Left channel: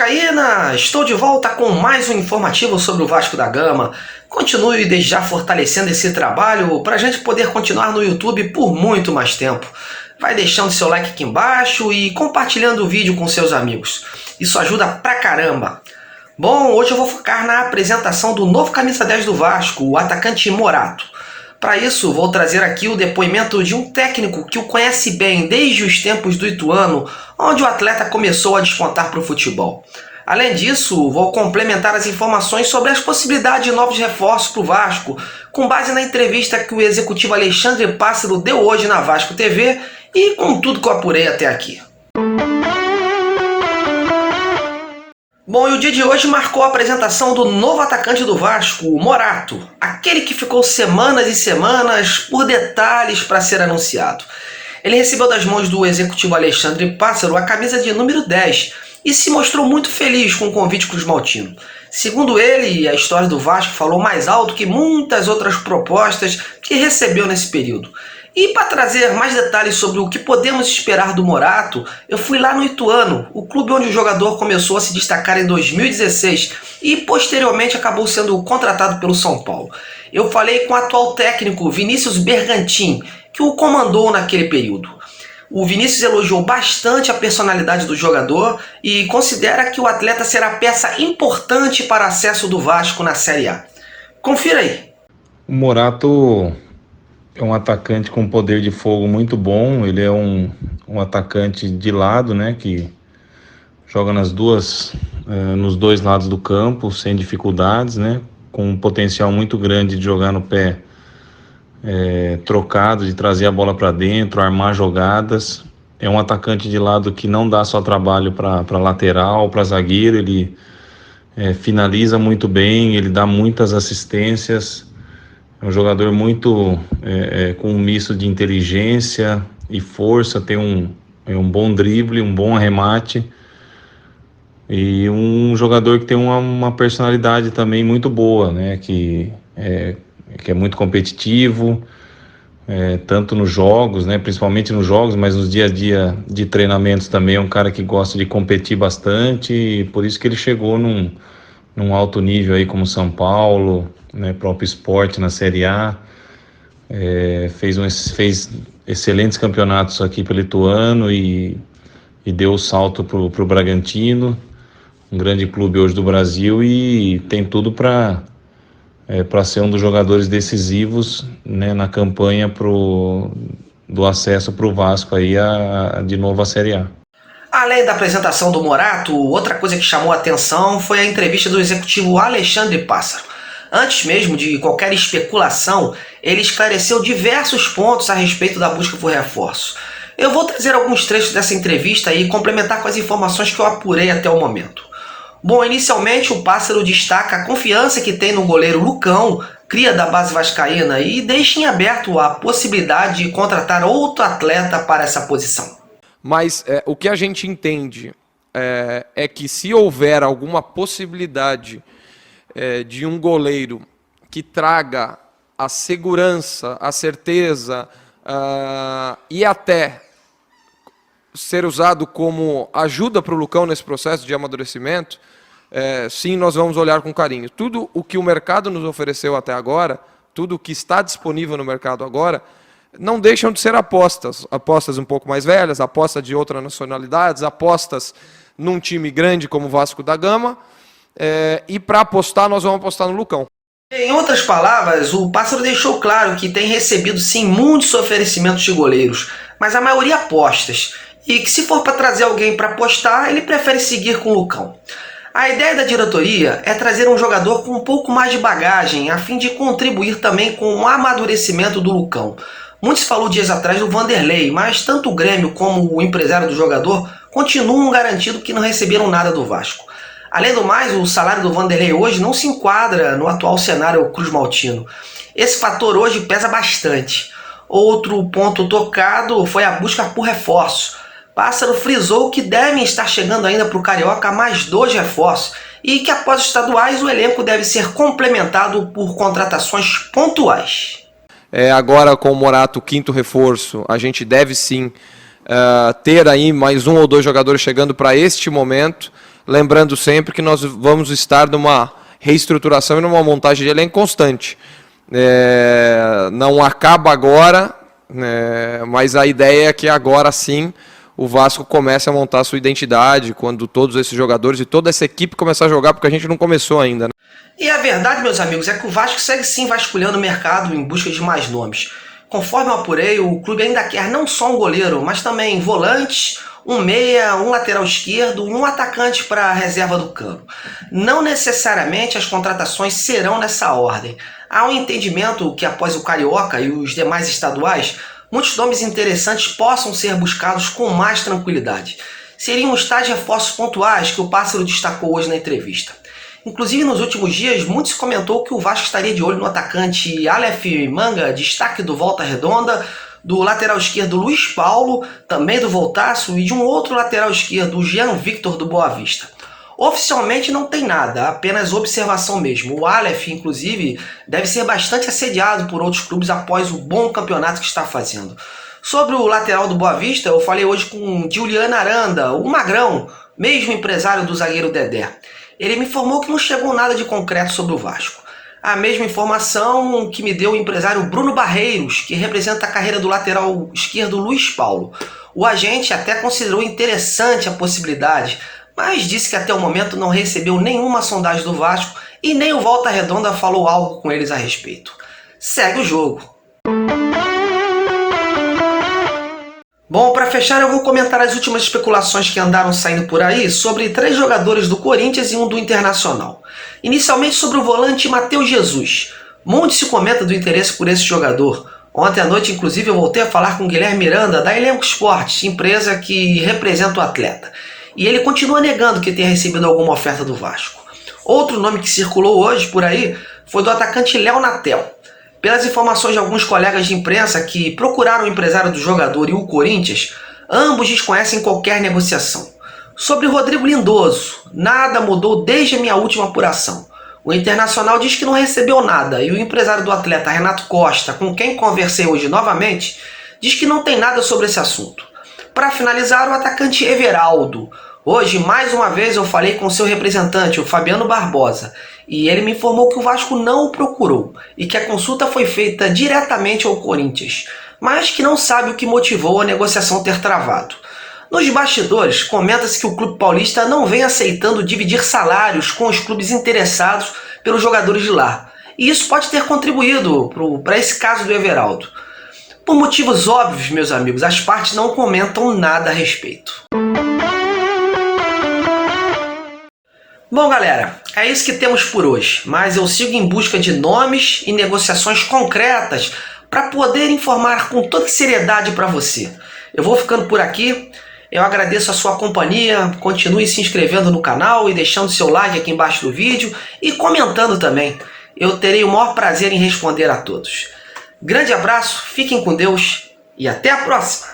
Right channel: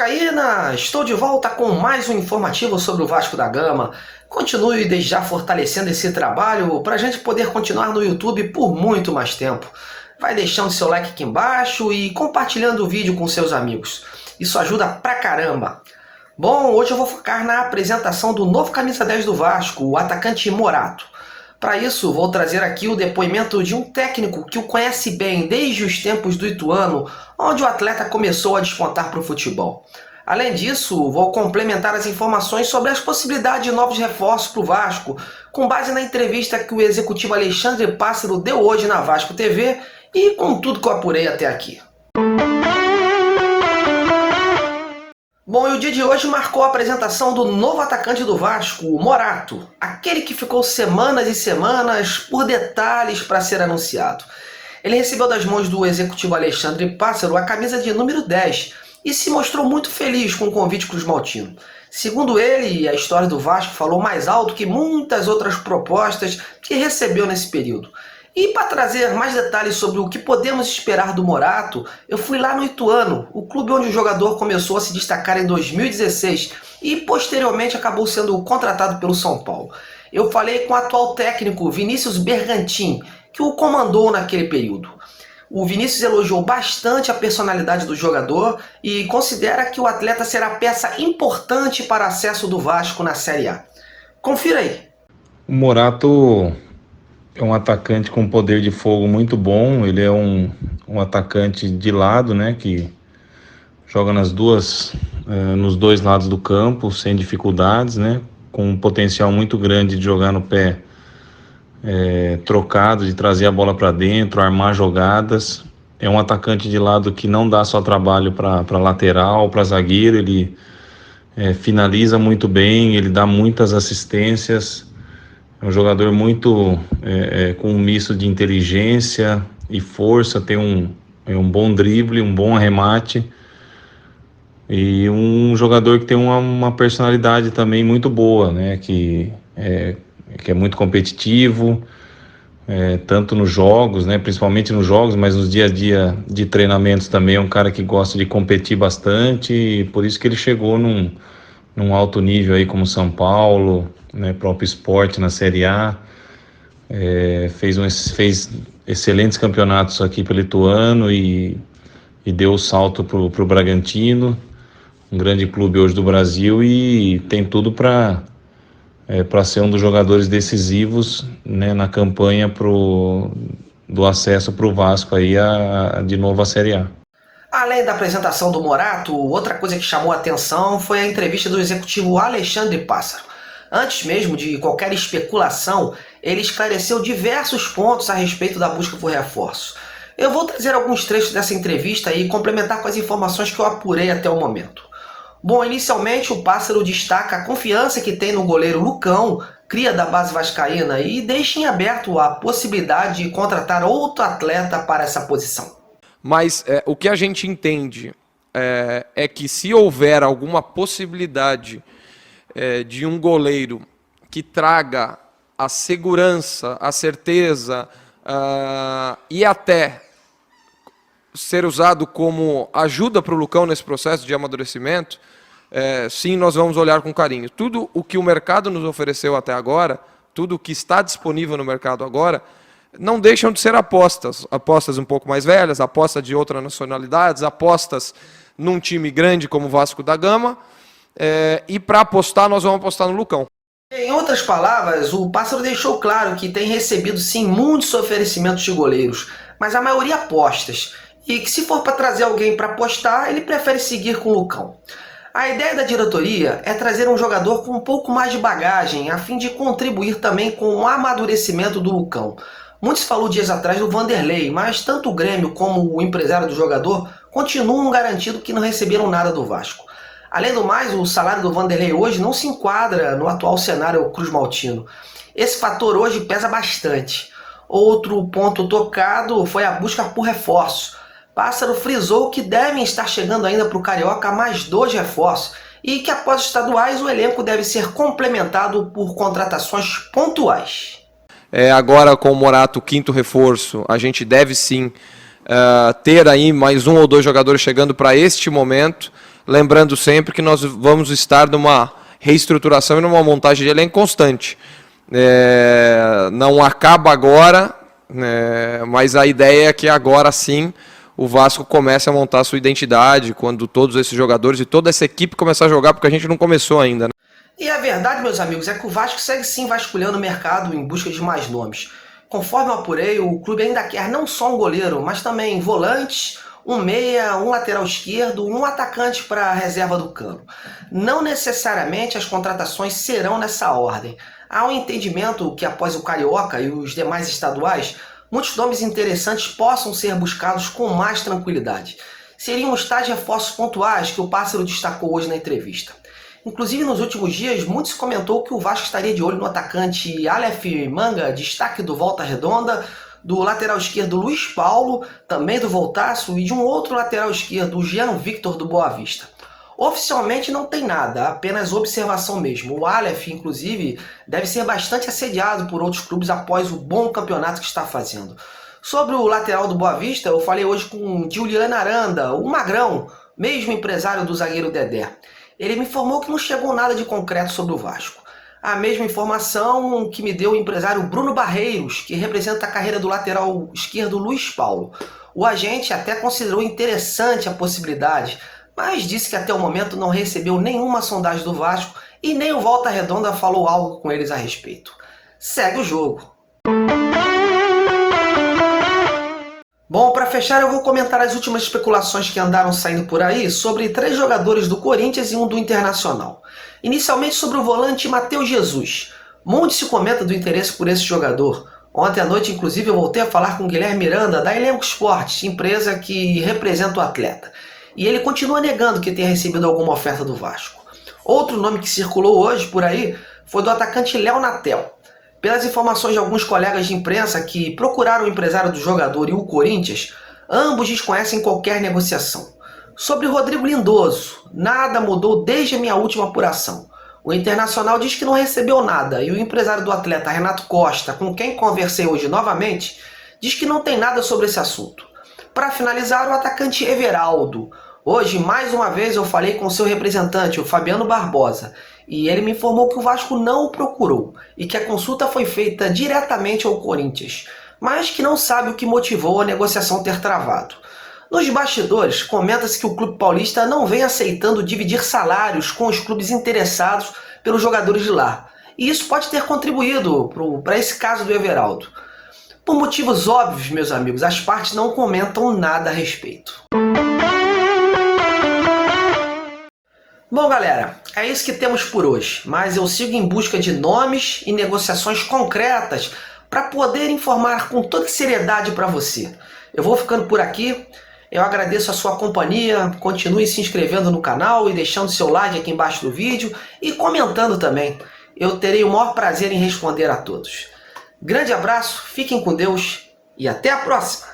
vascaína! Estou de volta com mais um informativo sobre o Vasco da Gama. Continue desde já fortalecendo esse trabalho para a gente poder continuar no YouTube por muito mais tempo. Vai deixando seu like aqui embaixo e compartilhando o vídeo com seus amigos. Isso ajuda pra caramba. Bom, hoje eu vou focar na apresentação do novo camisa 10 do Vasco, o atacante Morato. Para isso, vou trazer aqui o depoimento de um técnico que o conhece bem desde os tempos do Ituano, onde o atleta começou a despontar para o futebol. Além disso, vou complementar as informações sobre as possibilidades de novos reforços para o Vasco, com base na entrevista que o executivo Alexandre Pássaro deu hoje na Vasco TV e com tudo que eu apurei até aqui. Bom, e o dia de hoje marcou a apresentação do novo atacante do Vasco, o Morato, aquele que ficou semanas e semanas por detalhes para ser anunciado. Ele recebeu das mãos do executivo Alexandre Pássaro a camisa de número 10 e se mostrou muito feliz com o convite cruzmaltino. Segundo ele, a história do Vasco falou mais alto que muitas outras propostas que recebeu nesse período. E para trazer mais detalhes sobre o que podemos esperar do Morato, eu fui lá no Ituano, o clube onde o jogador começou a se destacar em 2016 e posteriormente acabou sendo contratado pelo São Paulo. Eu falei com o atual técnico Vinícius Bergantin, que o comandou naquele período. O Vinícius elogiou bastante a personalidade do jogador e considera que o atleta será peça importante para acesso do Vasco na Série A. Confira aí. O Morato é um atacante com poder de fogo muito bom. Ele é um atacante de lado, né, que joga nos dois lados do campo sem dificuldades, né, com um potencial muito grande de jogar no pé trocado, de trazer a bola para dentro, armar jogadas. É um atacante de lado que não dá só trabalho para lateral, para zagueiro. Ele finaliza muito bem, ele dá muitas assistências. É um jogador muito com um misto de inteligência e força, tem um bom drible, um bom arremate e um jogador que tem uma personalidade também muito boa, né? Que é muito competitivo, tanto nos jogos, né? Principalmente nos jogos, mas nos dia a dia de treinamentos também é um cara que gosta de competir bastante e por isso que ele chegou num alto nível aí como São Paulo, né, próprio Sport na Série A, fez excelentes campeonatos aqui pelo Ituano e deu o salto pro Bragantino, um grande clube hoje do Brasil, e tem tudo para ser um dos jogadores decisivos, né, na campanha do acesso para o Vasco aí de novo à Série A. Além da apresentação do Morato, outra coisa que chamou a atenção foi a entrevista do executivo Alexandre Pássaro. Antes mesmo de qualquer especulação, ele esclareceu diversos pontos a respeito da busca por reforço. Eu vou trazer alguns trechos dessa entrevista e complementar com as informações que eu apurei até o momento. Bom, inicialmente o Pássaro destaca a confiança que tem no goleiro Lucão, cria da base vascaína, e deixa em aberto a possibilidade de contratar outro atleta para essa posição. Mas o que a gente entende é que se houver alguma possibilidade de um goleiro que traga a segurança, a certeza e até ser usado como ajuda para o Lucão nesse processo de amadurecimento, sim, nós vamos olhar com carinho. Tudo o que o mercado nos ofereceu até agora, tudo o que está disponível no mercado agora, não deixam de ser apostas um pouco mais velhas, apostas de outras nacionalidades, apostas num time grande como o Vasco da Gama, e para apostar, nós vamos apostar no Lucão. Em outras palavras, o Pássaro deixou claro que tem recebido sim muitos oferecimentos de goleiros, mas a maioria apostas, e que se for para trazer alguém para apostar, ele prefere seguir com o Lucão. A ideia da diretoria é trazer um jogador com um pouco mais de bagagem, a fim de contribuir também com o amadurecimento do Lucão. Muito se falou dias atrás do Vanderlei, mas tanto o Grêmio como o empresário do jogador continuam garantindo que não receberam nada do Vasco. Além do mais, o salário do Vanderlei hoje não se enquadra no atual cenário cruzmaltino. Esse fator hoje pesa bastante. Outro ponto tocado foi a busca por reforço. Pássaro frisou que devem estar chegando ainda para o Carioca mais 2 reforços e que após os estaduais o elenco deve ser complementado por contratações pontuais. Agora com o Morato, o 5º reforço, a gente deve sim ter aí mais 1 ou 2 jogadores chegando para este momento. lembrando sempre que nós vamos estar numa reestruturação e numa montagem de elenco constante. Não acaba agora, mas a ideia é que agora sim o Vasco comece a montar a sua identidade, quando todos esses jogadores e toda essa equipe começar a jogar, porque a gente não começou ainda, né? E a verdade, meus amigos, é que o Vasco segue sim vasculhando o mercado em busca de mais nomes. Conforme eu apurei, o clube ainda quer não só um goleiro, mas também volantes, um meia, um lateral esquerdo e um atacante para a reserva do campo. Não necessariamente as contratações serão nessa ordem. Há um entendimento que após o Carioca e os demais estaduais, muitos nomes interessantes possam ser buscados com mais tranquilidade. Seriam os tais reforços pontuais que o Pássaro destacou hoje na entrevista. Inclusive, nos últimos dias, muito se comentou que o Vasco estaria de olho no atacante Aleph Manga, destaque do Volta Redonda, do lateral esquerdo Luiz Paulo, também do Voltaço, e de um outro lateral esquerdo, o Jean Victor do Boa Vista. Oficialmente não tem nada, apenas observação mesmo. O Aleph, inclusive, deve ser bastante assediado por outros clubes após o bom campeonato que está fazendo. Sobre o lateral do Boa Vista, eu falei hoje com Juliano Aranda, o Magrão, mesmo empresário do zagueiro Dedé. Ele me informou que não chegou nada de concreto sobre o Vasco. A mesma informação que me deu o empresário Bruno Barreiros, que representa a carreira do lateral esquerdo Luiz Paulo. O agente até considerou interessante a possibilidade, mas disse que até o momento não recebeu nenhuma sondagem do Vasco e nem o Volta Redonda falou algo com eles a respeito. Segue o jogo. Bom, para fechar, eu vou comentar as últimas especulações que andaram saindo por aí sobre 3 jogadores do Corinthians e um do Internacional. Inicialmente sobre o volante Matheus Jesus. Muito se comenta do interesse por esse jogador. Ontem à noite, inclusive, eu voltei a falar com o Guilherme Miranda, da Elenco Esportes, empresa que representa o atleta. E ele continua negando que tenha recebido alguma oferta do Vasco. Outro nome que circulou hoje por aí foi do atacante Léo Natel. Pelas informações de alguns colegas de imprensa que procuraram o empresário do jogador e o Corinthians, ambos desconhecem qualquer negociação. Sobre o Rodrigo Lindoso, nada mudou desde a minha última apuração. O Internacional diz que não recebeu nada e o empresário do atleta, Renato Costa, com quem conversei hoje novamente, diz que não tem nada sobre esse assunto. Para finalizar, o atacante Everaldo. Hoje, mais uma vez, eu falei com seu representante, o Fabiano Barbosa, e ele me informou que o Vasco não o procurou e que a consulta foi feita diretamente ao Corinthians, mas que não sabe o que motivou a negociação ter travado. Nos bastidores, comenta-se que o clube paulista não vem aceitando dividir salários com os clubes interessados pelos jogadores de lá, e isso pode ter contribuído para esse caso do Everaldo. Por motivos óbvios, meus amigos, as partes não comentam nada a respeito. Bom, galera, é isso que temos por hoje, mas eu sigo em busca de nomes e negociações concretas para poder informar com toda seriedade para você. Eu vou ficando por aqui, eu agradeço a sua companhia, continue se inscrevendo no canal e deixando seu like aqui embaixo do vídeo e comentando também. Eu terei o maior prazer em responder a todos. Grande abraço, fiquem com Deus e até a próxima!